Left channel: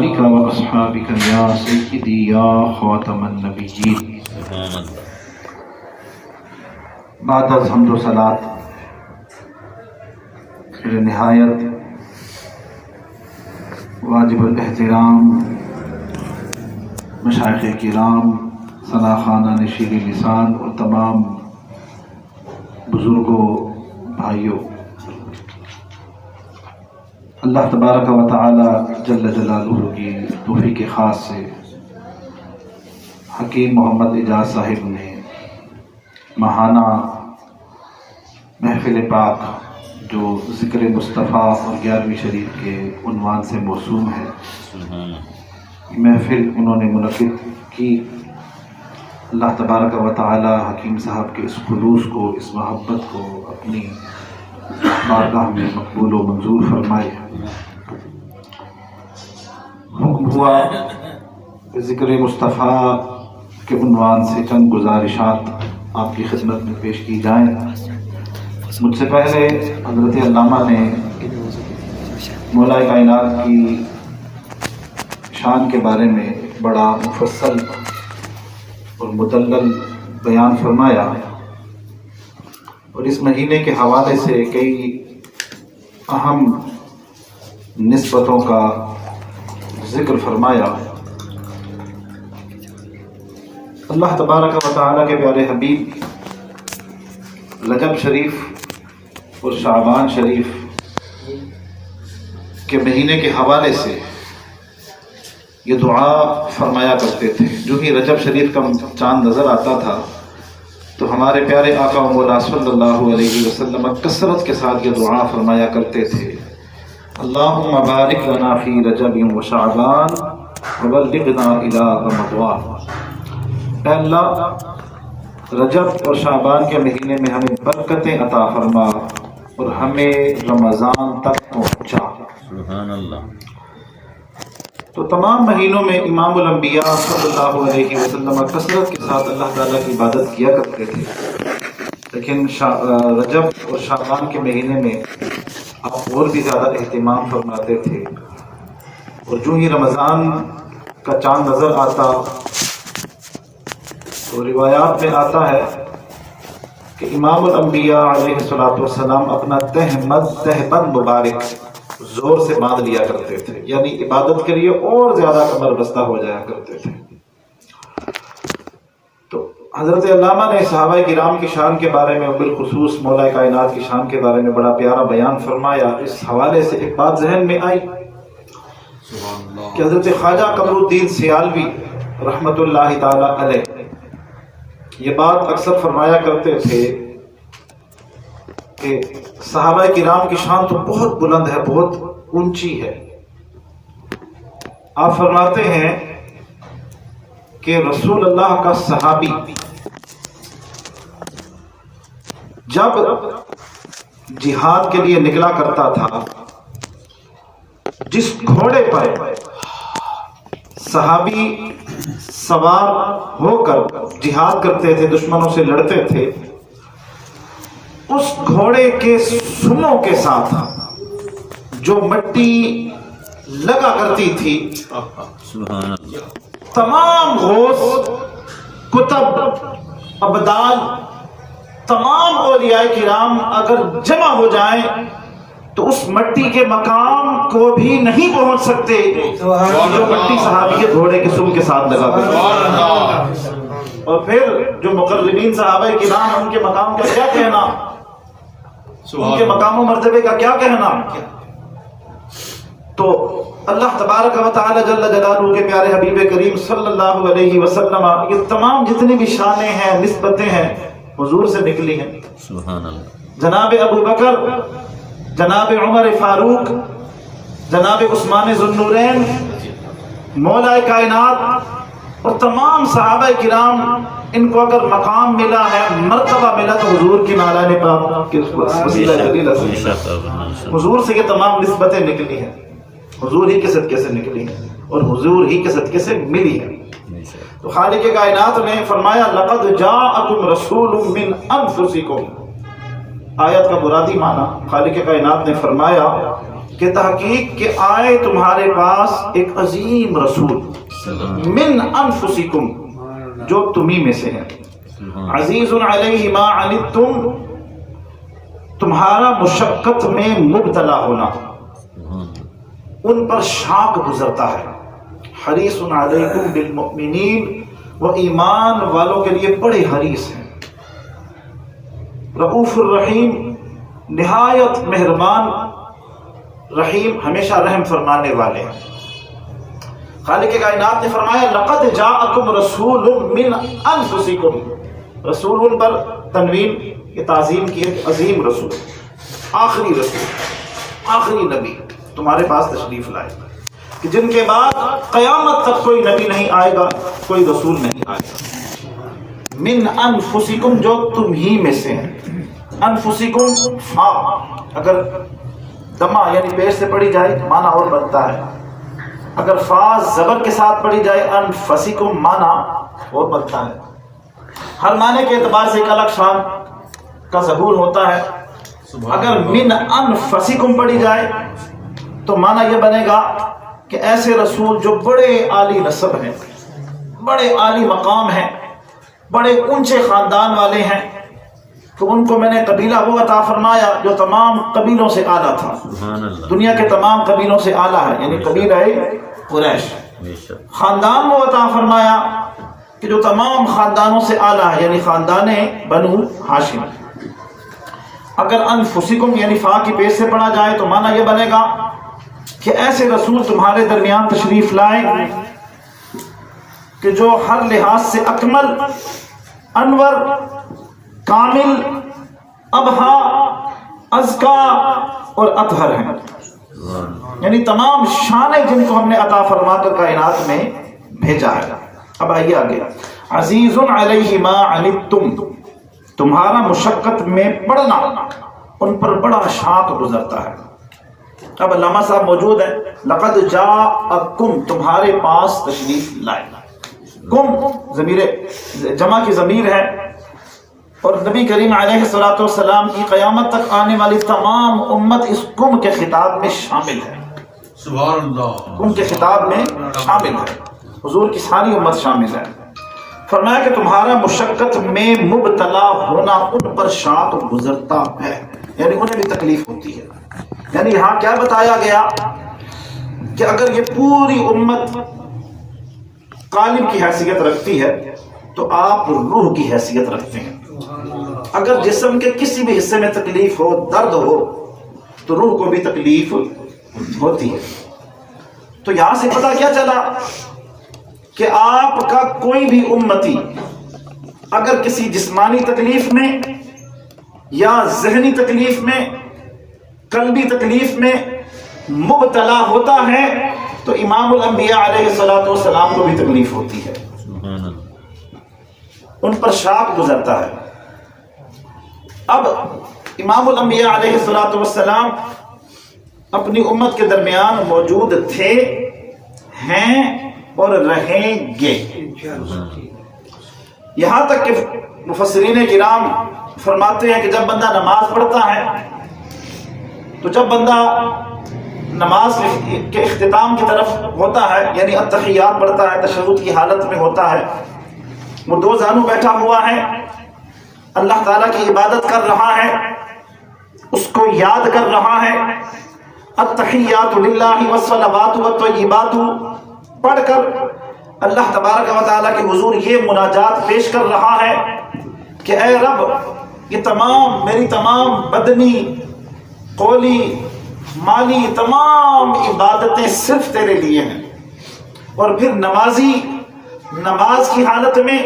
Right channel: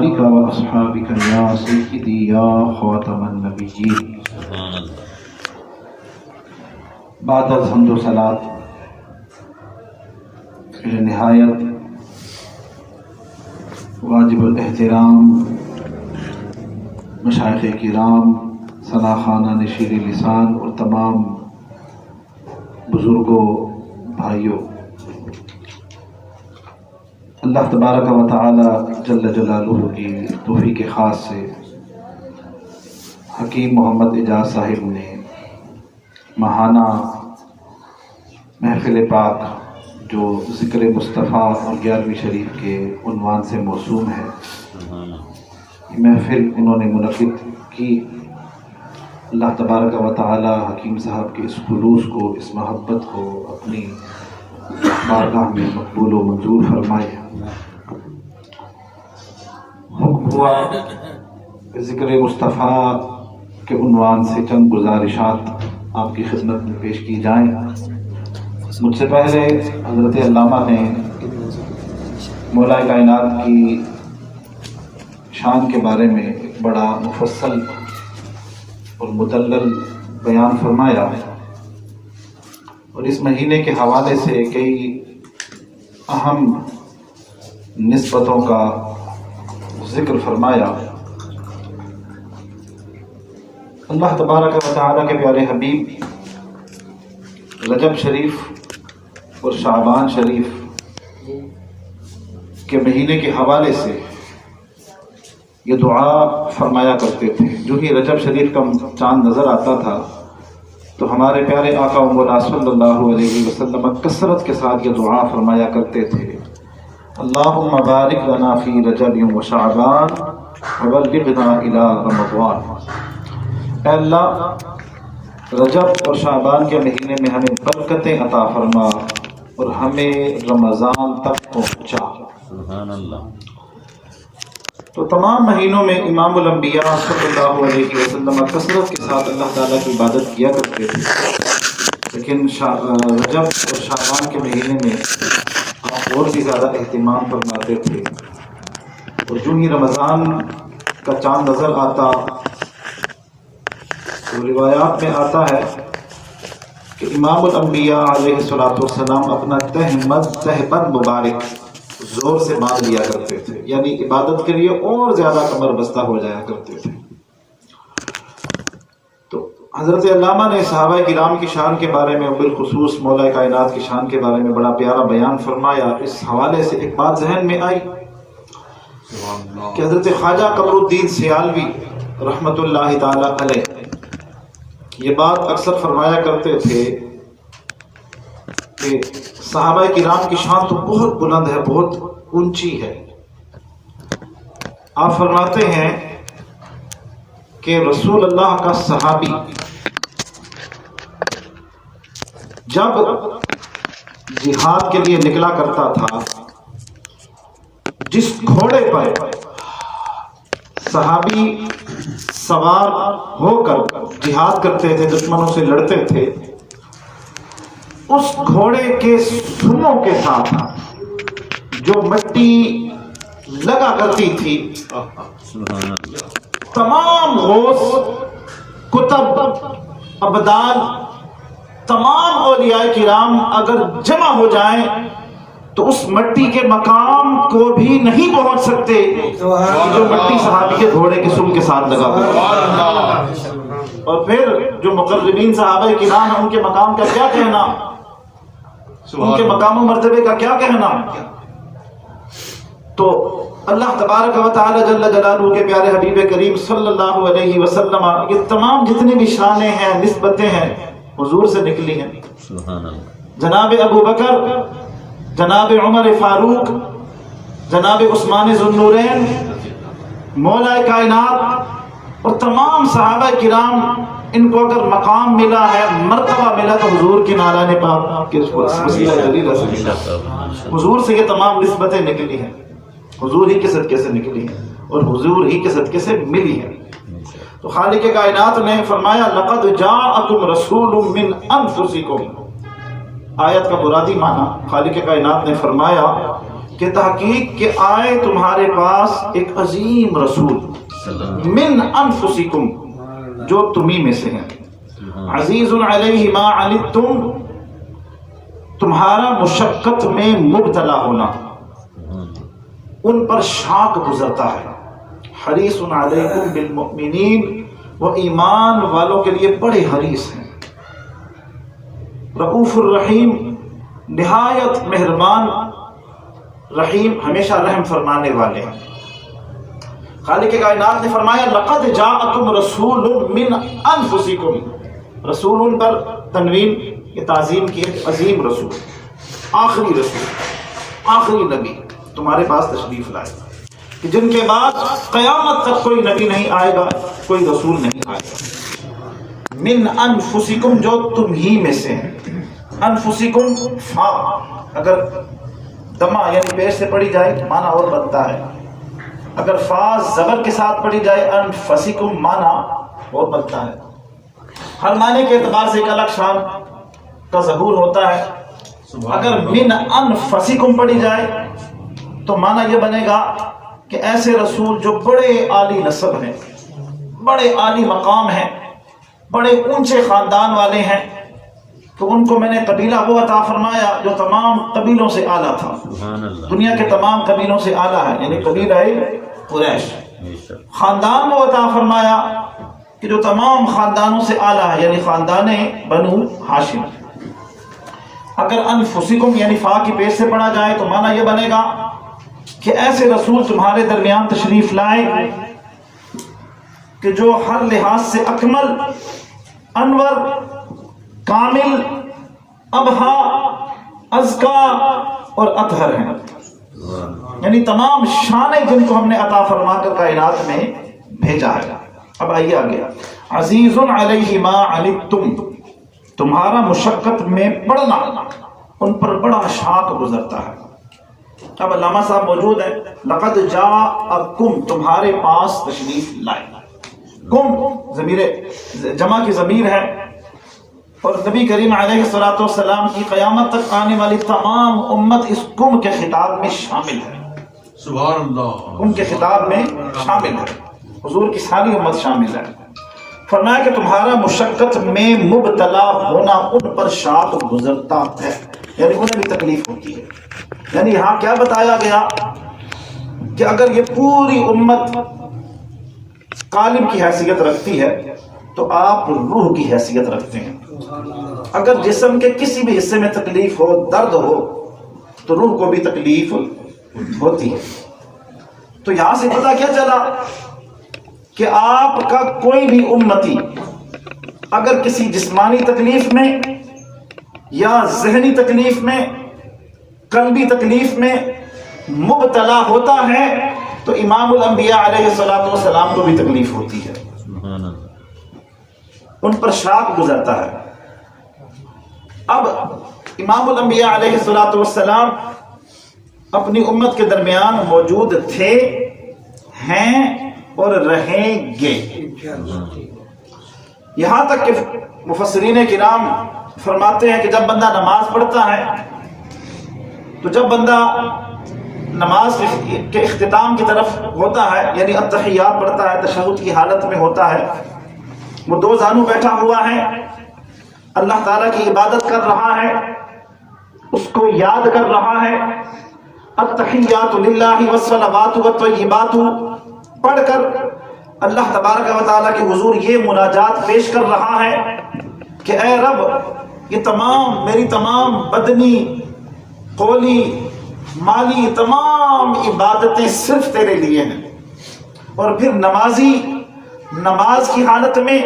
آلک و اصحابک یا سیدی یا خاتم النبیین۔ بعد از حمد و صلات نہایت واجب الاحترام مشائخ کرام، ثناخوانان شیریں لسان اور تمام بزرگوں، بھائیوں، اللہ تبارک و تعالی جل جلالہ کی توفیق خاص سے حکیم محمد اعجاز صاحب نے ماہانہ محفل پاک جو ذکر مصطفیٰ اور 11ویں شریف کے عنوان سے موسوم ہے، یہ محفل انہوں نے منعقد کی۔ اللہ تبارک و تعالی حکیم صاحب کے اس خلوص کو، اس محبت کو اپنی بارگاہ میں مقبول و منظور فرمائے۔ حکم ہوا کہ ذکر مصطفیٰ کے عنوان سے چند گزارشات آپ کی خدمت میں پیش کی جائیں۔ مجھ سے پہلے حضرت علامہ نے مولا کائنات کی شان کے بارے میں ایک بڑا مفصل اور مدلل بیان فرمایا، اور اس مہینے کے حوالے سے کئی اہم نسبتوں کا ذکر فرمایا۔ اللہ تبارک و تعالیٰ کے پیارے حبیب رجب شریف اور شعبان شریف کے مہینے کے حوالے سے یہ دعا فرمایا کرتے تھے۔ جو ہی رجب شریف کا چاند نظر آتا تھا تو ہمارے پیارے آقا و مولا صلی اللہ علیہ وسلم کثرت کے ساتھ یہ دعا فرمایا کرتے تھے، اللہم بارک لنا فی رجب و شعبان وبلغنا الی رمضان۔ اے اللہ، رجب اور شعبان کے مہینے میں ہمیں برکتیں عطا فرما اور ہمیں رمضان تک پہنچا۔ سبحان اللہ۔ تو تمام مہینوں میں امام الانبیاء صلی اللہ علیہ وسلم کثرت کے ساتھ اللہ تعالیٰ کی عبادت کیا کرتے تھے، لیکن رجب اور شعبان کے مہینے میں آپ اور بھی زیادہ اہتمام فرماتے تھے، اور جو ہی رمضان کا چاند نظر آتا تو روایات میں آتا ہے کہ امام الانبیاء علیہ السلام اپنا تہبند مبارک زور سے باندھ لیا کرتے تھے، یعنی عبادت کے لیے اور زیادہ کمر بستہ ہو جایا کرتے تھے۔ تو حضرت علامہ نے صحابہ کرام کی شان کے بارے میں، بالخصوص مولا کائنات کی شان کے بارے میں بڑا پیارا بیان فرمایا۔ اس حوالے سے ایک بات ذہن میں آئی کہ حضرت خواجہ قمر الدین سیالوی رحمۃ اللہ تعالی علیہ یہ بات اکثر فرمایا کرتے تھے کہ صحابہ کرام کی شان تو بہت بلند ہے، بہت اونچی ہے۔ آپ فرماتے ہیں کہ رسول اللہ کا صحابی جب جہاد کے لیے نکلا کرتا تھا، جس گھوڑے پر صحابی سوار ہو کر جہاد کرتے تھے، دشمنوں سے لڑتے تھے، اس گھوڑے کے سنوں کے ساتھ جو مٹی لگا کرتی تھی، سبحان اللہ، تمام غوث، کتب، ابدال، تمام اولیاء کرام اگر جمع ہو جائیں تو اس مٹی کے مقام کو بھی نہیں پہنچ سکتے جو مٹی صحابی کے گھوڑے کے سن کے ساتھ لگا ہوا۔ اور پھر جو مقربین صحابہ کرام ہیں، ان کے مقام کا کیا کہنا، ان کے مقام و مرتبے کا کیا کہنا۔ تو اللہ تبارک و تعالی جل جلالہ کے پیارے حبیب کریم صلی اللہ علیہ وسلم یہ تمام جتنی بھی شانیں ہیں، نسبتیں ہیں، حضور سے نکلی ہیں۔ سبحان اللہ۔ جناب ابو بکر، جناب عمر فاروق، جناب عثمان ذو النورین، مولا کائنات اور تمام صحابہ کرام، ان کو اگر مقام ملا ہے، مرتبہ ملا، تو حضور کی نالان پاک کے حضور سے یہ تمام نسبتیں نکلی ہیں، حضور ہی کے صدقے سے نکلی ہیں اور حضور ہی کے صدقے سے ملی ہیں۔ تو خالق کائنات نے فرمایا لقد جاءکم رسول من انفسکم، آیت کا مرادی معنی خالق کائنات نے فرمایا کہ تحقیق کہ آئے تمہارے پاس ایک عظیم رسول من انفسکم جو تمہیں میں سے ہیں، عزیز علیہ ما عنتم تمہارا مشقت میں مبتلا ہونا ان پر شاق گزرتا ہے، حریص علیکم بالمؤمنین وہ ایمان والوں کے لیے بڑے حریص ہیں، رؤوف الرحیم نہایت مہربان، رحیم ہمیشہ رحم فرمانے والے ہیں۔ خالق کائنات نے فرمایا لقد جاءکم رسول من انفسکم، رسول پر تنوین یہ تعظیم کی ہے، عظیم رسول، آخری رسول، آخری نبی تمہارے پاس تشریف لائے کہ جن کے بعد قیامت تک کوئی نبی نہیں آئے گا، کوئی رسول نہیں آئے گا۔ من انفسکم جو تم ہی میں سے ہیں، انفسکم فا اگر دمہ یعنی پیش سے پڑھی جائے معنی اور بنتا ہے، اگر فا زبر کے ساتھ پڑھی جائے انفسکم معنی اور بنتا ہے۔ ہر معنی کے اعتبار سے ایک الگ شان کا ظہور ہوتا ہے۔ اگر من انفسکم پڑھی جائے تو معنی یہ بنے گا کہ ایسے رسول جو بڑے عالی نسب ہیں، بڑے عالی مقام ہیں، بڑے اونچے خاندان والے ہیں، تو ان کو میں نے قبیلہ وہ عطا فرمایا جو تمام قبیلوں سے اعلیٰ تھا، دنیا کے تمام قبیلوں سے اعلیٰ ہے، یعنی قبیلہ قریش۔ خاندان وہ عطا فرمایا کہ جو تمام خاندانوں سے اعلیٰ ہے، یعنی خاندان بنو ہاشم۔ اگر انفسکم یعنی فا کی پیش سے پڑھا جائے تو معنی یہ بنے گا کہ ایسے رسول تمہارے درمیان تشریف لائیں کہ جو ہر لحاظ سے اکمل، انور، کامل، ابہا، ازکا اور اطہر ہیں، یعنی تمام شانیں جن کو ہم نے عطا فرما کر کائنات میں بھیجا ہے۔ اب آئیے آگے، عزیز علیہ ما عنتم تمہارا مشقت میں پڑنا ان پر بڑا شاق گزرتا ہے۔ اب علامہ صاحب موجود ہیں، لقد جاءکم تمہارے پاس تشریف لائے، کم ضمیر جمع کی ضمیر ہے، اور نبی کریم علیہ الصلوۃ والسلام کی قیامت تک آنے والی تمام امت اس کم کے خطاب میں شامل ہے، سبحان اللہ، کم کے خطاب میں شامل ہے، حضور کی ساری امت شامل ہے۔ فرمایا کہ تمہارا مشقت میں مبتلا ہونا ان پر شاق گزرتا ہے، یعنی انہیں بھی تکلیف ہوتی ہے۔ یعنی یہاں کیا بتایا گیا کہ اگر یہ پوری امت قالب کی حیثیت رکھتی ہے تو آپ روح کی حیثیت رکھتے ہیں۔ اگر جسم کے کسی بھی حصے میں تکلیف ہو، درد ہو، تو روح کو بھی تکلیف ہوتی ہے۔ تو یہاں سے پتہ کیا چلا کہ آپ کا کوئی بھی امتی اگر کسی جسمانی تکلیف میں یا ذہنی تکلیف میں، قلبی تکلیف میں مبتلا ہوتا ہے تو امام الانبیاء علیہ الصلوۃ والسلام کو بھی تکلیف ہوتی ہے، ان پر شاق گزرتا ہے۔ اب امام الانبیاء علیہ الصلوۃ والسلام اپنی امت کے درمیان موجود تھے، ہیں اور رہیں گے، یہاں تک کہ مفسرین کرام فرماتے ہیں کہ جب بندہ نماز پڑھتا ہے تو جب بندہ نماز کے اختتام کی طرف ہوتا ہے، یعنی التحیات پڑھتا ہے، تشہد کی حالت میں ہوتا ہے، وہ دو زانو بیٹھا ہوا ہے، اللہ تعالیٰ کی عبادت کر رہا ہے، اس کو یاد کر رہا ہے، التحیات للہ والصلوات والطیبات پڑھ کر اللہ تبارک و تعالیٰ کے حضور یہ مناجات پیش کر رہا ہے کہ اے رب، یہ تمام میری تمام بدنی، قولی، مالی تمام عبادتیں صرف تیرے لیے ہیں۔ اور پھر نمازی نماز کی حالت میں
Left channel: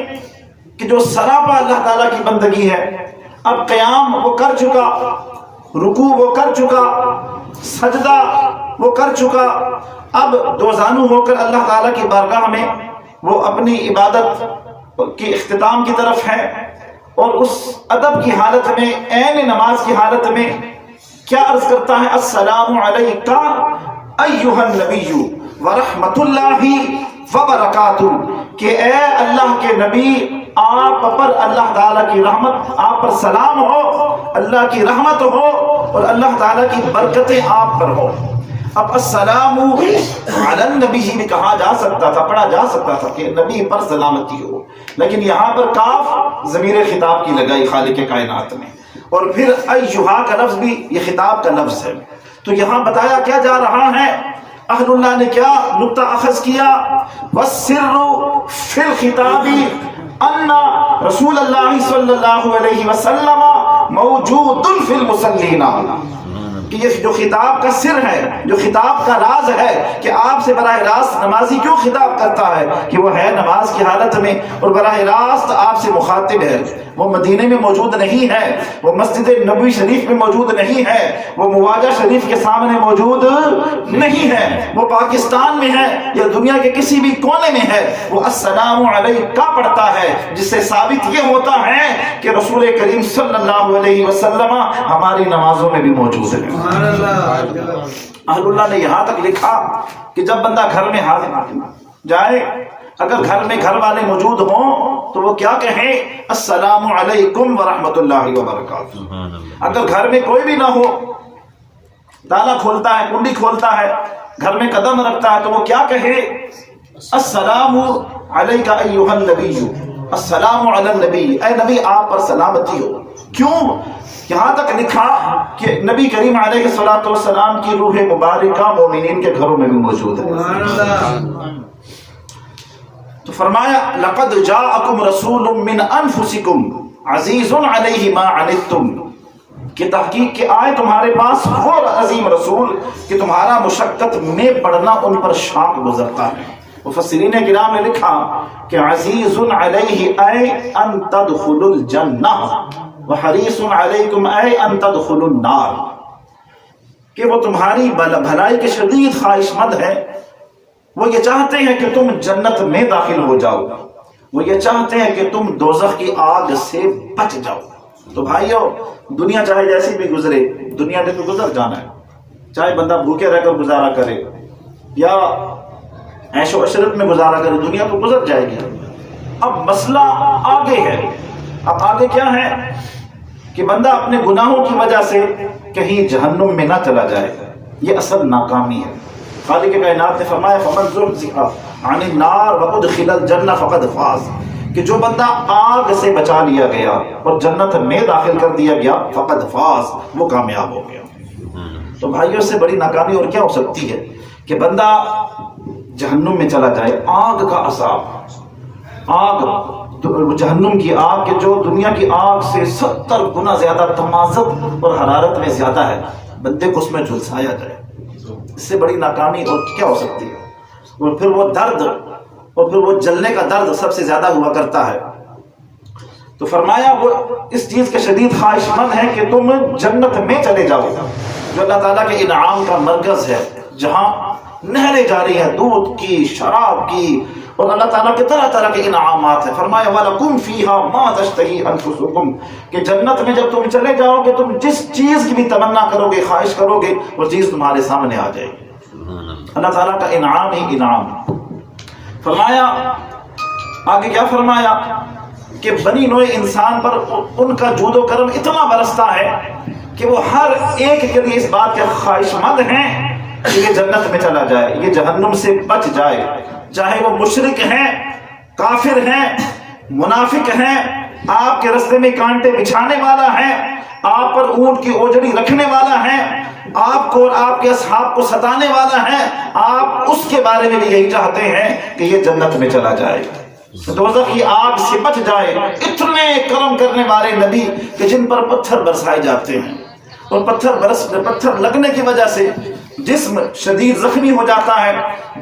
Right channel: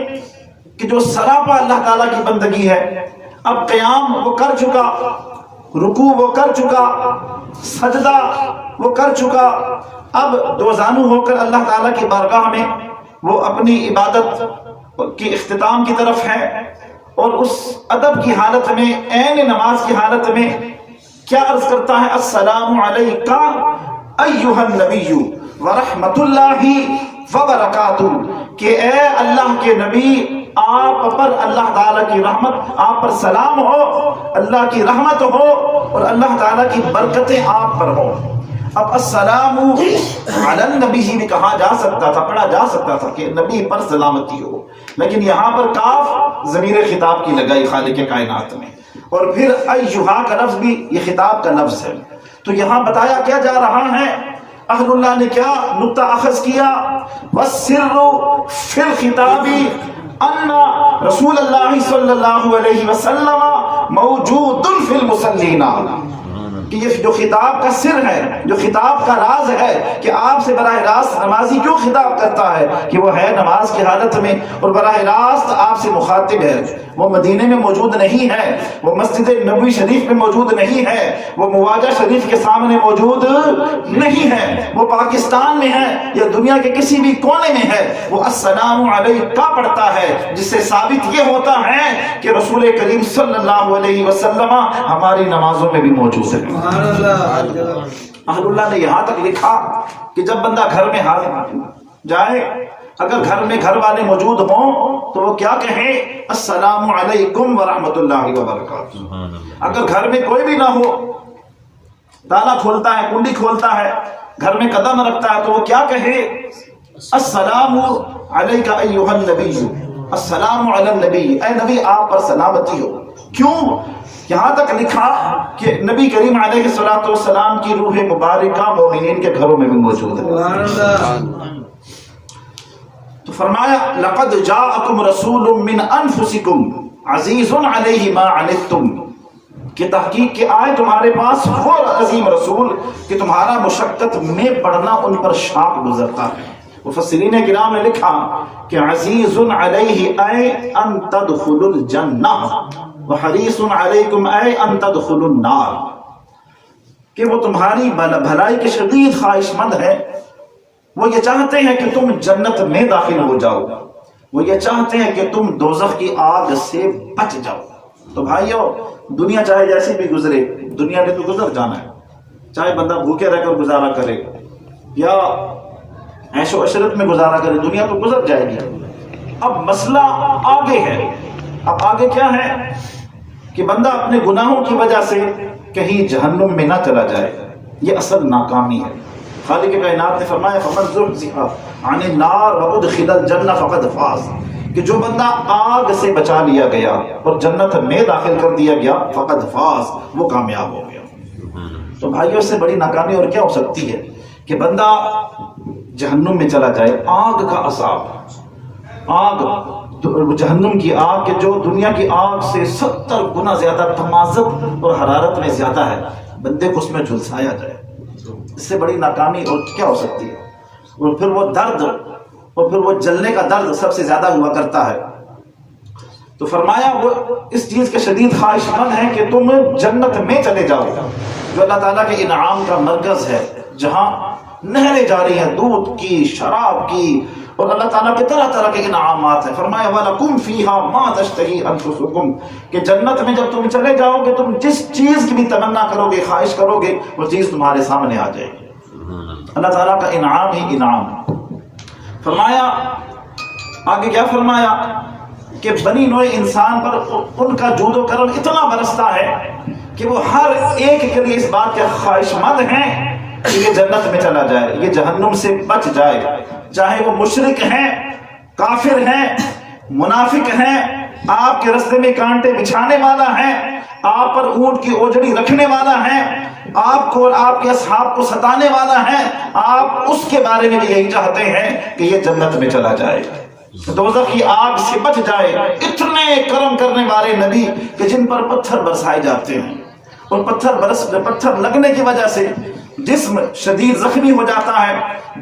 کہ جو سراپا اللہ تعالیٰ کی بندگی ہے، اب قیام وہ کر چکا، رکوع وہ کر چکا، سجدہ وہ کر چکا، اب دو زانو ہو کر اللہ تعالیٰ کی بارگاہ میں وہ اپنی عبادت کی اختتام کی طرف ہے، اور اس ادب کی حالت میں، عین نماز کی حالت میں کیا عرض کرتا ہے؟ السلام علیکہ ایھا النبی ورحمۃ اللہ وبرکاتہ، کہ اے اللہ کے نبی، آپ پر اللہ تعالیٰ کی رحمت، آپ پر سلام ہو، اللہ کی رحمت ہو اور اللہ تعالیٰ کی برکتیں آپ پر ہو۔ اب السلام علی النبی بھی کہا جا سکتا تھا، پڑھا جا سکتا تھا کہ نبی پر سلامتی ہو، لیکن یہاں پر کاف ضمیر خطاب کی لگائی خالق کائنات میں، اور پھر ایھا کا لفظ بھی یہ خطاب کا لفظ ہے۔ تو یہاں بتایا کیا جا رہا ہے، اہل اللہ نے کیا نقطہ اخذ کیا، والسر فی الخطاب ان رسول اللہ صلی اللہ علیہ وسلم موجود فی المصلین، کہ یہ جو خطاب کا سر ہے، جو خطاب کا راز ہے کہ آپ سے براہ راست نمازی کیوں خطاب کرتا ہے، کہ وہ ہے نماز کی حالت میں اور براہ راست آپ سے مخاطب ہے۔ وہ مدینے میں موجود نہیں ہے، وہ مسجد نبوی شریف میں موجود نہیں ہے، وہ مواجہ شریف کے سامنے موجود نہیں ہے، وہ پاکستان میں ہے یا دنیا کے کسی بھی کونے میں ہے، وہ السلام علیکہ پڑھتا ہے، جس سے ثابت یہ ہوتا ہے کہ رسول کریم صلی اللہ علیہ وسلم ہماری نمازوں میں بھی موجود ہے۔ اہل اللہ نے یہاں تک لکھا کہ جب بندہ گھر میں حاضر جائے، اگر گھر میں گھر والے موجود ہوں تو وہ کیا کہیں، السلام علیکم ورحمۃ اللہ وبرکاتہ۔ اگر گھر میں کوئی بھی نہ ہو، تالا کھولتا ہے، کنڈی کھولتا ہے، گھر میں قدم رکھتا ہے، تو وہ کیا کہے، السلام علیک ایھا النبی، السلام علی النبی، اے نبی آپ پر سلامتی ہو۔ کیوں؟ یہاں تک لکھا کہ نبی کریم علیہ الصلوۃ والسلام کی روح مبارکہ مومنین کے گھروں میں بھی موجود ہے۔ تو فرمایا لقد جاءکم رسول من انفسکم عزیز علیہ ما عنتم، کہ تحقیق کہ آئے تمہارے پاس وہ عظیم رسول کہ تمہارا مشقت میں پڑنا ان پر شاق گزرتا ہے۔ مفسرین کرام نے لکھا کہ عزیز علیہ اے ان تدخلوا الجنہ وحریص علیکم اے ان تدخلوا النار، کہ وہ تمہاری بھلائی کے شدید خواہش مند ہے، وہ یہ چاہتے ہیں کہ تم جنت میں داخل ہو جاؤ، وہ یہ چاہتے ہیں کہ تم دوزخ کی آگ سے بچ جاؤ۔ تو بھائیو، دنیا چاہے جیسی بھی گزرے، دنیا نے تو گزر جانا ہے، چاہے بندہ بھوکے رہ کر گزارا کرے یا عیش و عشرت میں گزارا کرے، دنیا تو گزر جائے گی۔ اب مسئلہ آگے ہے، اب آگے کیا ہے کہ بندہ اپنے گناہوں کی وجہ سے کہیں جہنم میں نہ چلا جائے، یہ اصل ناکامی ہے۔ خالق کائنات نے فرمایا فمن زحزح عن النار وادخل الجنہ فقد فاز، کہ جو بندہ آگ سے بچا لیا گیا اور جنت میں داخل کر دیا گیا، فقد فاز، وہ کامیاب ہو گیا۔ تو بھائیوں، اس سے بڑی ناکامی اور کیا ہو سکتی ہے کہ بندہ جہنم میں چلا جائے۔ آگ کا عذاب، آگ، جہنم کی آگ، کہ جو دنیا کی آگ سے 70 گنا زیادہ تمازت اور حرارت میں زیادہ ہے، بندے کو اس میں جھلسایا جائے، اس سے بڑی ناکامی اور کیا ہو سکتی ہے۔ اور پھر وہ درد، اور پھر وہ جلنے کا درد سب سے زیادہ ہوا کرتا ہے۔ تو فرمایا وہ اس چیز کے شدید خواہش مند ہیں کہ تم جنت میں چلے جاؤ، جو اللہ تعالیٰ کے انعام کا مرکز ہے، جہاں نہریں جاری ہیں دودھ کی، شراب کی، اور اللہ تعالیٰ کے طرح طرح کے انعامات ہیں۔ فرمایا وَلَكُمْ فِيهَا مَا تَشْتَهِي أَنفُسُكُمْ، کہ جنت میں جب تم چلے جاؤ گے، تم جس چیز کی بھی تمنا کرو گے، خواہش کرو گے، وہ چیز تمہارے سامنے آ جائے گی۔ اللہ تعالیٰ کا انعام ہی انعام۔ فرمایا آگے کیا فرمایا کہ بنی نوع انسان پر ان کا جود و کرم اتنا برستا ہے کہ وہ ہر ایک کے لیے اس بات کے خواہش مند ہیں کہ یہ جنت میں چلا جائے، یہ جہنم سے بچ جائے، چاہے وہ مشرک ہیں، کافر ہیں، منافق ہیں، آپ کے رستے میں کانٹے بچھانے والا ہے، آپ پر اونٹ کی اوجڑی رکھنے والا ہے، آپ کو اور آپ کے اصحاب کو ستانے والا ہے، آپ اس کے بارے میں بھی یہی چاہتے ہیں کہ یہ جنت میں چلا جائے، دوزخ کی آگ سے بچ جائے۔ اتنے کرم کرنے والے نبی کہ جن پر پتھر برسائے جاتے ہیں، اور پتھر لگنے کی وجہ سے جسم شدید زخمی ہو جاتا ہے،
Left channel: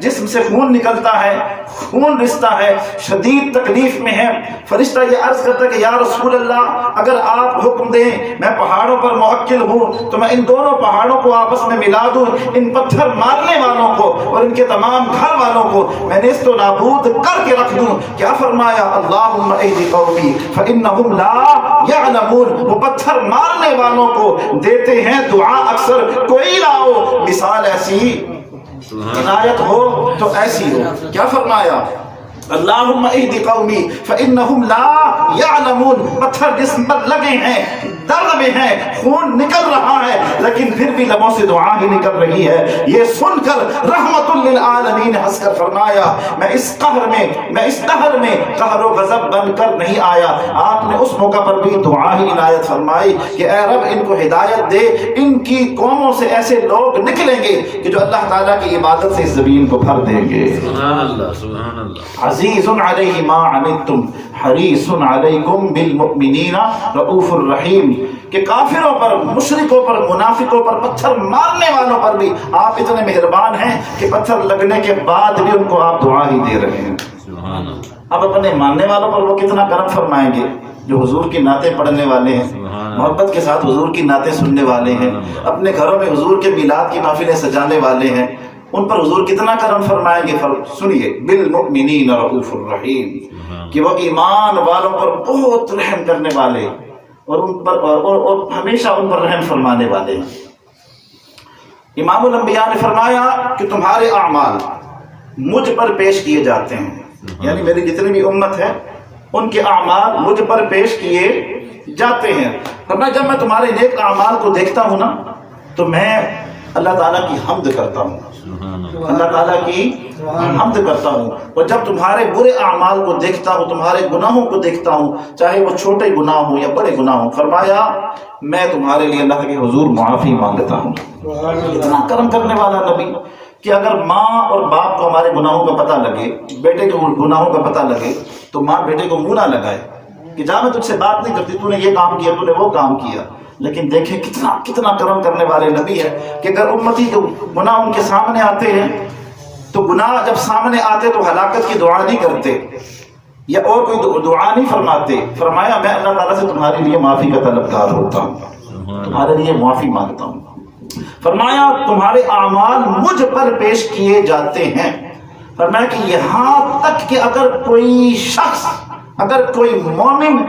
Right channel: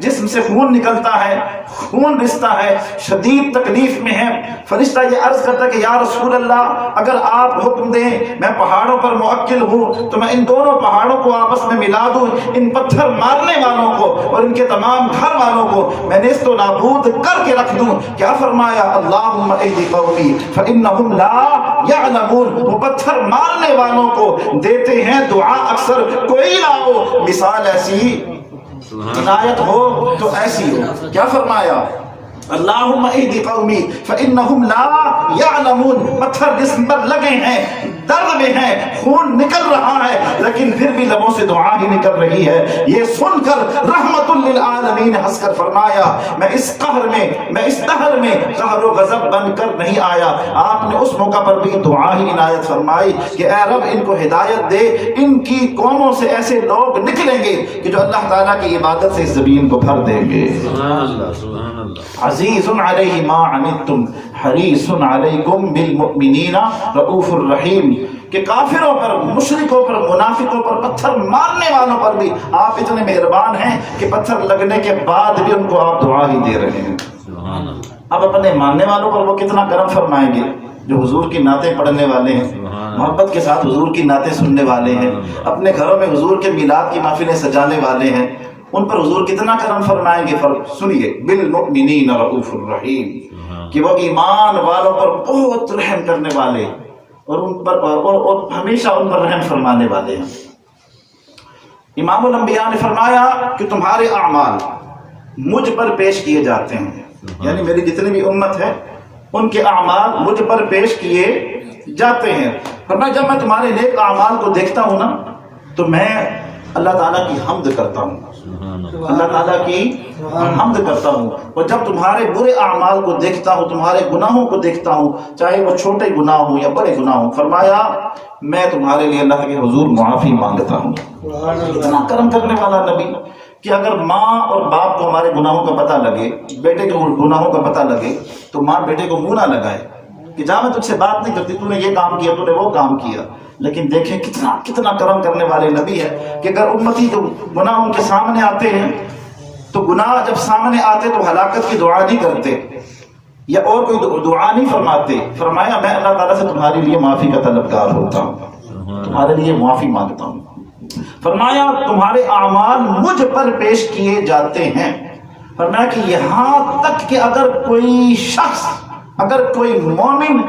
جسم سے خون نکلتا ہے، خون رستا ہے، شدید تکلیف میں ہے۔ فرشتہ یہ عرض کرتا ہے کہ یا رسول اللہ، اگر آپ حکم دیں، میں پہاڑوں پر موکل ہوں تو میں ان دونوں پہاڑوں کو آپس میں ملا دوں، ان پتھر مارنے والوں کو اور ان کے تمام گھر والوں کو میں نیست و نابود کر کے رکھ دوں۔ کیا فرمایا؟ اللہم اہد قومی فانہم لا یعلمون، وہ پتھر مارنے والوں کو دیتے ہیں دعا اکثر، کوئی لاؤ مثال ایسی، عنایت ہو تو ایسی ہو۔ کیا فرمایا؟ اللہم اہد قومی فانہم لا یعلمون، پتھر جسم پر لگے ہیں، درد میں ہیں، خون نکل رہا ہے، لیکن پھر بھی لبوں سے دعا ہی نکل رہی ہے۔ یہ سن کر رحمت للعالمین نے ہنس کر فرمایا میں اس قہر میں، میں اس دہر میں قہر و غضب بن کر نہیں آیا۔ آپ نے اس موقع پر بھی دعا ہی عنایت فرمائی کہ اے رب ان کو ہدایت دے، ان کی قوموں سے ایسے لوگ نکلیں گے کہ جو اللہ تعالیٰ کی عبادت سے اس زمین کو بھر دیں گے۔ سبحان اللہ سبحان اللہ۔ عزیز علیہ ما عنتم حریص علیکم بالمؤمنین رؤوف الرحیم، کہ کافروں پر، مشرکوں پر، منافقوں پر، پتھر مارنے والوں پر بھی آپ اتنے مہربان ہیں کہ پتھر لگنے کے بعد بھی ان کو آپ دعا ہی دے رہے ہیں۔ سبحان اللہ۔ اب اپنے ماننے والوں پر وہ کتنا کرم فرمائیں گے جو حضور کی نعتیں پڑھنے والے ہیں، محبت کے ساتھ حضور کی نعتیں سننے والے ہیں، اپنے گھروں میں حضور کے میلاد کی محفلیں سجانے والے ہیں، ان پر حضور کتنا کرم فرمائیں گے۔ سنیے بالمؤمنین رؤوف الرحیم، کہ وہ ایمان والوں پر بہت رحم کرنے والے اور ان پر اور ہمیشہ ان پر رحم فرمانے والے ہیں۔ امام الانبیاء نے فرمایا کہ تمہارے اعمال مجھ پر پیش کیے جاتے ہیں، یعنی میری جتنی بھی امت ہے ان کے اعمال مجھ پر پیش کیے جاتے ہیں۔ فرمایا جب میں تمہارے نیک اعمال کو دیکھتا ہوں نا تو میں اللہ تعالیٰ کی حمد کرتا ہوں، اللہ تعالیٰ کی حمد کرتا ہوں، اور جب تمہارے برے اعمال کو دیکھتا ہوں، تمہارے گناہوں کو دیکھتا ہوں، چاہے وہ چھوٹے گناہ ہوں یا بڑے گناہ ہوں، فرمایا میں تمہارے لیے اللہ کے حضور معافی مانگتا ہوں۔ اتنا کرم کرنے والا نبی کہ اگر ماں اور باپ کو ہمارے گناہوں کا پتہ لگے، بیٹے کے گناہوں کا پتہ لگے، تو ماں بیٹے کو منہ نہ لگائے کہ جا میں تجھ سے بات نہیں کرتی، تو نے یہ کام کیا، تو نے وہ کام کیا۔ لیکن دیکھیں کتنا کرم کرنے والے نبی ہے کہ اگر امتی کے گناہ ان کے سامنے آتے ہیں تو گناہ جب سامنے آتے تو ہلاکت کی دعا نہیں کرتے یا اور کوئی دعا نہیں فرماتے، فرمایا میں اللہ تعالیٰ سے تمہارے لیے معافی کا طلبگار ہوتا ہوں، تمہارے لیے معافی مانگتا ہوں۔ فرمایا تمہارے اعمال مجھ پر پیش کیے جاتے ہیں۔ فرمایا کہ یہاں تک کہ اگر کوئی شخص، اگر کوئی مومن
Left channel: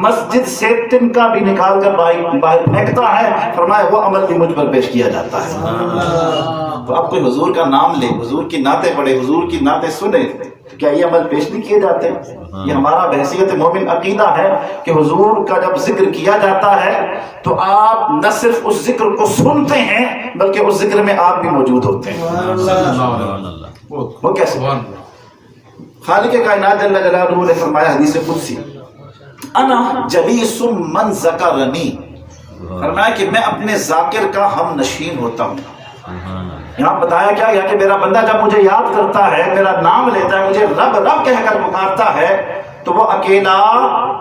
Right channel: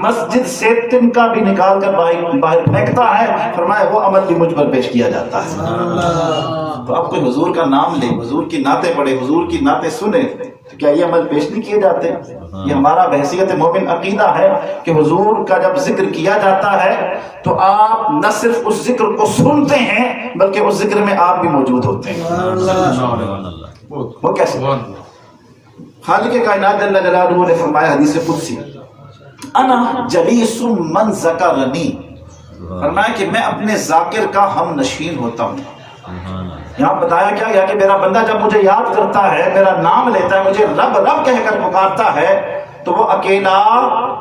مسجد سے تنکا بھی نکال کر باہر پھینکتا ہے، فرمایا وہ عمل بھی مجھ پر پیش کیا جاتا ہے۔ تو اب کوئی حضور کا نام لے، حضور کی نعتیں پڑھے، حضور کی نعتیں سنے، تو کیا یہ عمل پیش نہیں کیے جاتے؟ یہ ہمارا بحیثیت مومن عقیدہ ہے کہ حضور کا جب ذکر کیا جاتا ہے تو آپ نہ صرف اس ذکر کو سنتے ہیں بلکہ اس ذکر میں آپ بھی موجود ہوتے ہیں۔ وہ کیسے؟ خالق کائنات جل جلالہ نے فرمایا حدیث قدسی انا جلیس من ذکرنی، فرمایا کہ میں اپنے ذاکر کا ہم نشین ہوتا ہوں۔ یہاں بتایا کیا یا کہ میرا بندہ جب مجھے یاد کرتا ہے، میرا نام لیتا ہے، مجھے رب رب کہہ کر پکارتا ہے تو وہ اکیلا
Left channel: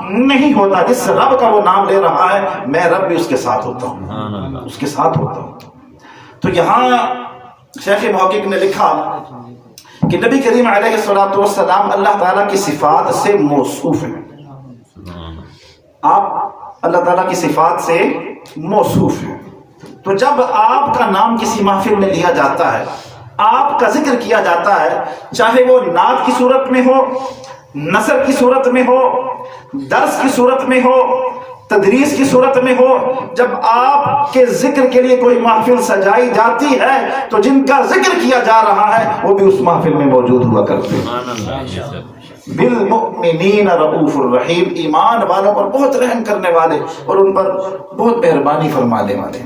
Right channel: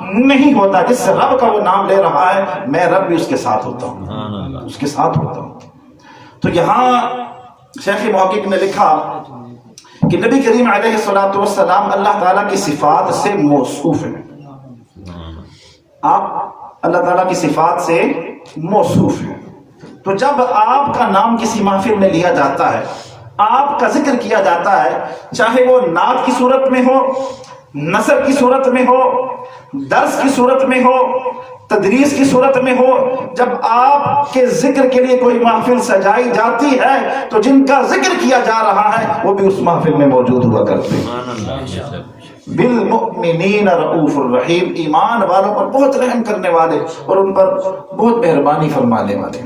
نہیں ہوتا، جس رب کا وہ نام لے رہا ہے میں رب بھی اس کے ساتھ ہوتا ہوں، اس کے ساتھ ہوتا ہوں۔ تو یہاں شیخ محقق نے لکھا کہ نبی کریم علیہ الصلوۃ والسلام اللہ تعالیٰ کی صفات سے موصوف ہیں، آپ اللہ تعالیٰ کی صفات سے موصوف ہیں۔ تو جب آپ کا نام کسی محفل میں لیا جاتا ہے، آپ کا ذکر کیا جاتا ہے، چاہے وہ نعت کی صورت میں ہو، نثر کی صورت میں ہو، درس کی صورت میں ہو، تدریس کی صورت میں ہو، جب آپ کے ذکر کے لیے کوئی محفل سجائی جاتی ہے تو جن کا ذکر کیا جا رہا ہے وہ بھی اس محفل میں موجود ہوا کرتے ہیں۔ بالمؤمنین رؤوف الرحیم، ایمان والوں پر بہت رحم کرنے والے اور ان پر بہت مہربانی فرمانے والے۔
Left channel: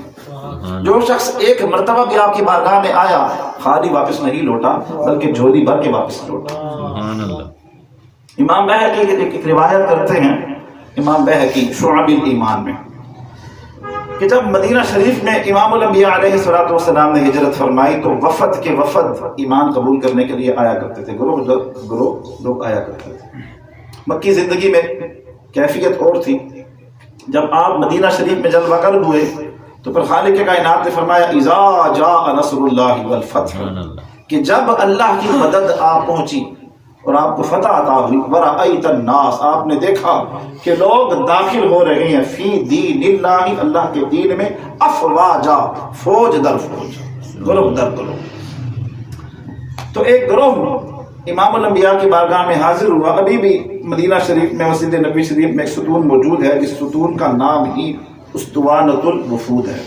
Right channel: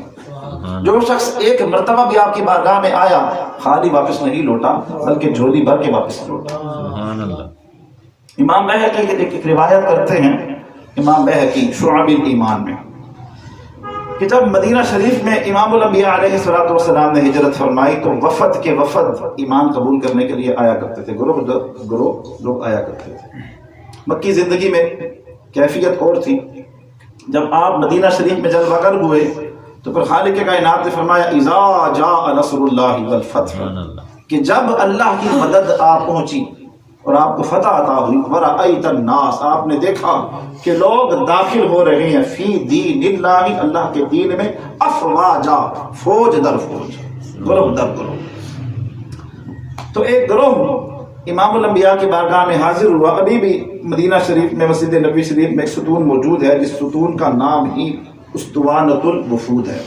جو شخص ایک مرتبہ بھی آپ کی بارگاہ میں آیا خالی واپس نہیں لوٹا بلکہ جھولی بھر کے واپس لوٹا۔ امام بہقی ایک روایت کرتے ہیں، امام بہقی شعب الایمان میں، کہ جب مدینہ شریف میں امام الانبیاء علیہ الصلوۃ والسلام نے ہجرت فرمائی تو وفد کے وفد ایمان قبول کرنے کے لیے آیا کرتے تھے، گروہ لوگ آیا کرتے تھے۔ مکی زندگی میں کیفیت اور تھی، جب آپ مدینہ شریف میں جلوہ گر ہوئے تو پھر خالق کائنات نے فرمایا اذا جاء نصر اللہ والفتح، کہ جب اللہ کی مدد آپ پہنچی اور آپ کو فتح عطا ہوئی، ورأیت الناس، آپ نے دیکھا کہ لوگ داخل ہو رہے ہیں فی دین اللہ، اللہ کے دین میں، افواجا، فوج در فوج، گروہ در گروہ۔ تو ایک گروہ امام الانبیاء کی بارگاہ میں حاضر ہوا۔ ابھی بھی مدینہ شریف میں مسجد نبوی شریف میں ایک ستون موجود ہے جس ستون کا نام ہی اسطوانۃ الوفود ہے،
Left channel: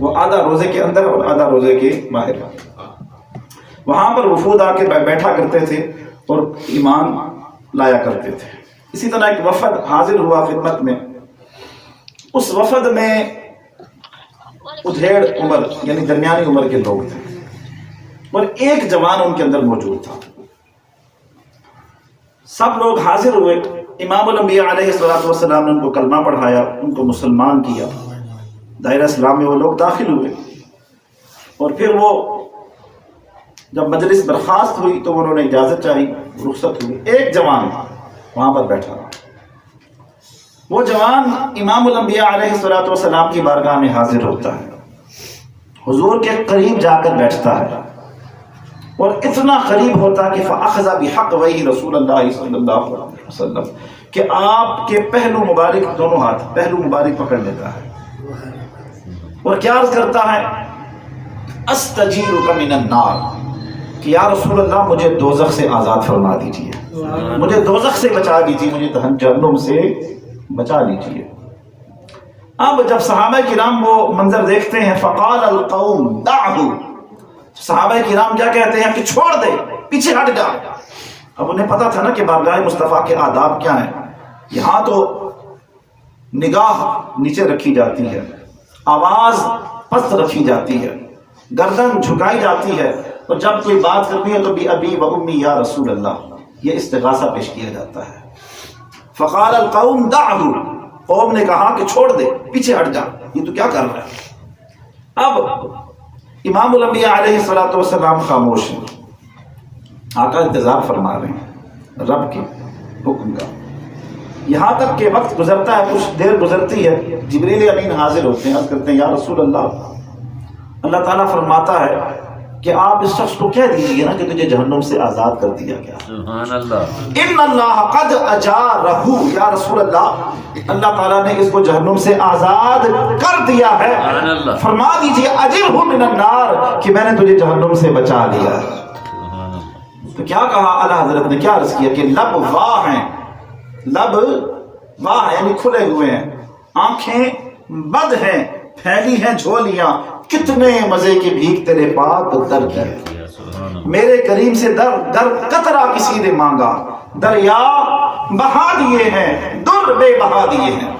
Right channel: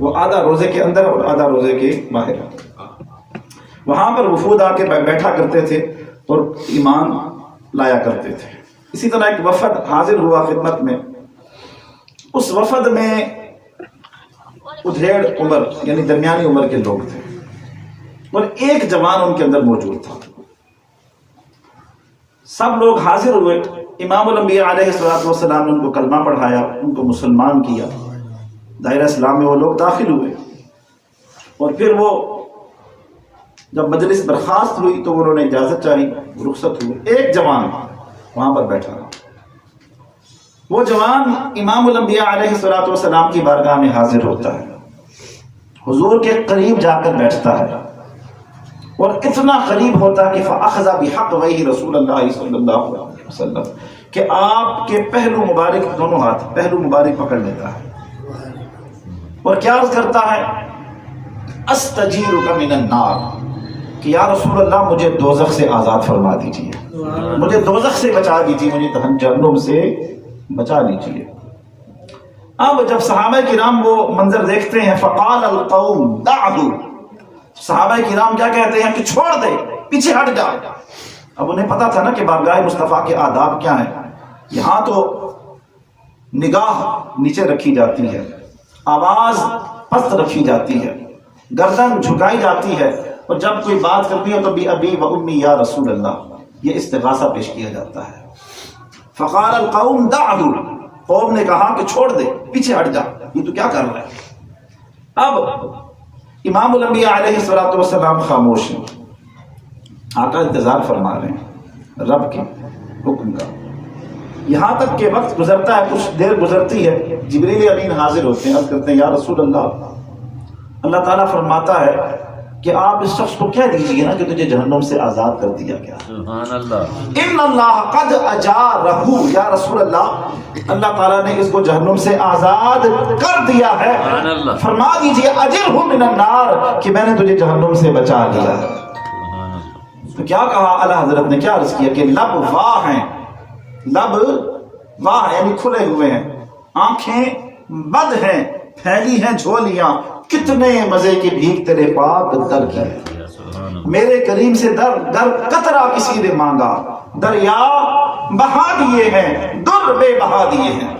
وہ آدھا روزے کے اندر اور آدھا روزے کے باہر ہے۔ وہاں پر وفود آ کے بیٹھا کرتے تھے اور ایمان لایا کرتے تھے۔ اسی طرح ایک وفد حاضر ہوا خدمت میں، اس وفد میں ادھیڑ عمر یعنی درمیانی عمر کے لوگ تھے اور ایک جوان ان کے اندر موجود تھا. سب لوگ حاضر ہوئے. امام الانبیاء علیہ السلام نے ان کو کلمہ پڑھایا, ان کو مسلمان کیا. دائرہ اسلام میں وہ لوگ داخل ہوئے اور پھر وہ جب مجلس برخاست ہوئی تو انہوں نے اجازت چاہی, رخصت ہوئی. ایک جوان وہاں پر بیٹھا. وہ جوان امام الانبیاء علیہ السلام کی بارگاہ میں حاضر ہوتا ہے, حضور کے قریب جا کر بیٹھتا ہے اور اتنا قریب ہوتا کہ فَأَخَذَ بِحَقْوَيْهِ رسول اللہ صلی اللہ علیہ وسلم کہ آپ کے پہلو مبارک, دونوں ہاتھ پہلو مبارک پکڑ لیتا ہے اور کیا عرض کرتا ہے, استجیرک من النار, کہ یا رسول اللہ مجھے دوزخ سے آزاد فرما دیجیے, مجھے دوزخ سے بچا دیجیے, مجھے جہنم سے بچا لیجیے. اب جب صحابہ کرام وہ منظر دیکھتے ہیں, فقال القوم دعہ, صحابہ کرام کیا کہتے ہیں کہ چھوڑ دے, پیچھے ہٹ جا. اب انہیں پتا تھا نا کہ بارگاہ مصطفیٰ کے آداب کیا ہیں. یہاں تو نگاہ نیچے رکھی جاتی ہے, آواز پست رکھی جاتی ہے, گردن جھکائی جاتی ہے, اور جب کوئی بات کرنی ہے تو بھی ابی و امی یا رسول اللہ, یہ استغاثہ پیش کیا جاتا ہے. فقال القوم دعہ, قوم نے کہا کہ چھوڑ دے, پیچھے ہٹ جا, یہ تو کیا کر رہا ہے. اب امام الانبیاء علیہ السلام خاموش ہیں. آقا انتظار فرما رہے ہیں رب کے حکم کا. یہاں تک کہ وقت گزرتا ہے, کچھ دیر گزرتی ہے, جبریل امین حاضر ہوتے ہیں, عرض کرتے ہیں یا رسول اللہ, اللہ تعالیٰ فرماتا ہے کہ آپ اس شخص کو کہہ دیجیے نا کہ تجھے جہنم سے آزاد کر دیا گیا. سبحان اللہ. ان اللہ قد اجارہ, یا رسول اللہ, اللہ تعالیٰ نے اس کو جہنم سے آزاد کر دیا ہے. سبحان اللہ. فرما دیجیے اجرہ من النار, کہ میں نے تجھے جہنم سے بچا لیا. سبحان اللہ. تو کیا کہا اعلیٰ حضرت نے, کیا عرض کیا کہ لب واہ ہیں, لب واہ یعنی کھلے ہوئے ہیں, آنکھیں بد ہیں, پھیلی ہیں جھولیاں, کتنے مزے کی بھیک تیرے پاک در کی ہے. میرے کریم سے در قطرہ کسی نے مانگا, دریا بہا دیے ہیں, در بے بہا دیے ہیں.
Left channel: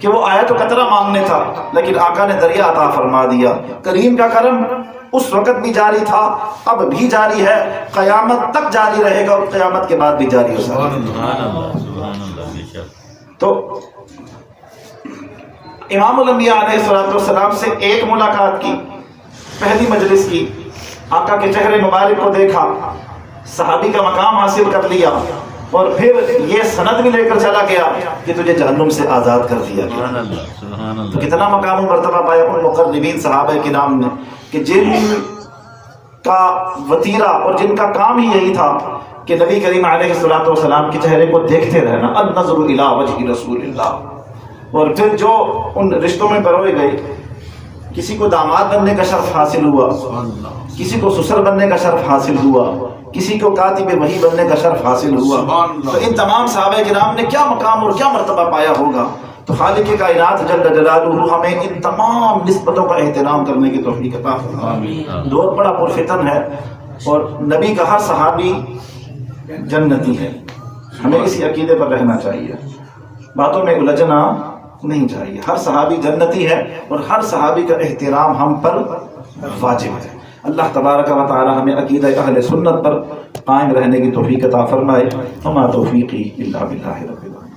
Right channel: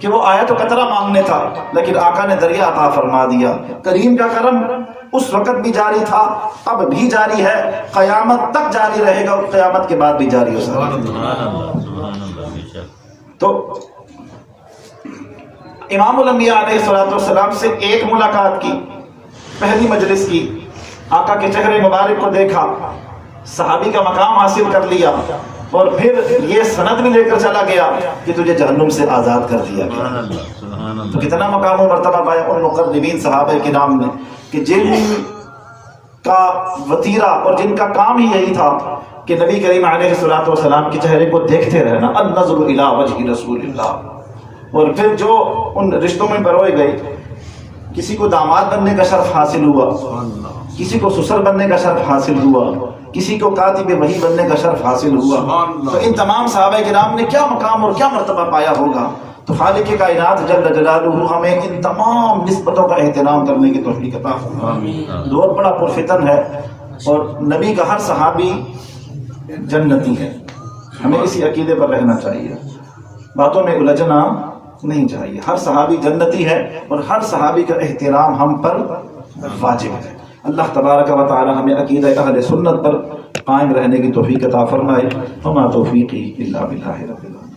کہ وہ آیا تو قطرہ مانگنے تھا, لیکن آقا نے دریا عطا فرما دیا. کریم کا کرم اس وقت بھی جاری تھا, اب بھی جاری ہے, قیامت تک جاری رہے گا, اور قیامت کے بعد بھی جاری ہو سکتا ہے. تو امام الانبیاء علیہ السلام سے ایک ملاقات کی, پہلی مجلس کی, آقا کے چہرے مبارک کو دیکھا, صحابی کا مقام حاصل کر لیا, اور پھر یہ سند بھی لے کر چلا گیا کہ تجھے جہنم سے آزاد کر دیا گیا. تو کتنا مقام و مرتبہ پایا ان مقربین صحابہ کے نام نے, کہ جن کا وطیرہ اور جن کا کام ہی یہی تھا کہ نبی کریم علیہ السلام کے چہرے کو دیکھتے رہنا, النظر الی وجہ رسول اللہ. اور پھر جو ان رشتوں میں پروئے گئے, کسی کو داماد بننے کا شرف حاصل ہوا, کسی کو سسر بننے کا شرف حاصل ہوا, کسی کو کاتب وحی بننے کا شرف حاصل ہوا. تو ان تمام صحابہ کرام نے کیا مقام اور کیا مرتبہ پایا ہوگا. تو خالق کائنات جل جلالہ ہمیں ان تمام نسبتوں کا احترام کرنے کی توفیق عطا فرمائے. دور بڑا پرفتن ہے, اور نبی کا ہر صحابی جنتی ہے. ہمیں اسی عقیدے پر رہنا چاہیے, باتوں میں الجھنا نہیں چاہیے. ہر صحابی جنتی ہے, اور ہر صحابی کا احترام ہم پر واجب ہے. اللہ تبارک و تعالی ہمیں عقیدہ اہل سنت پر قائم رہنے کی توفیق عطا فرمائے. وما توفیقی الا باللہ رب العالمین.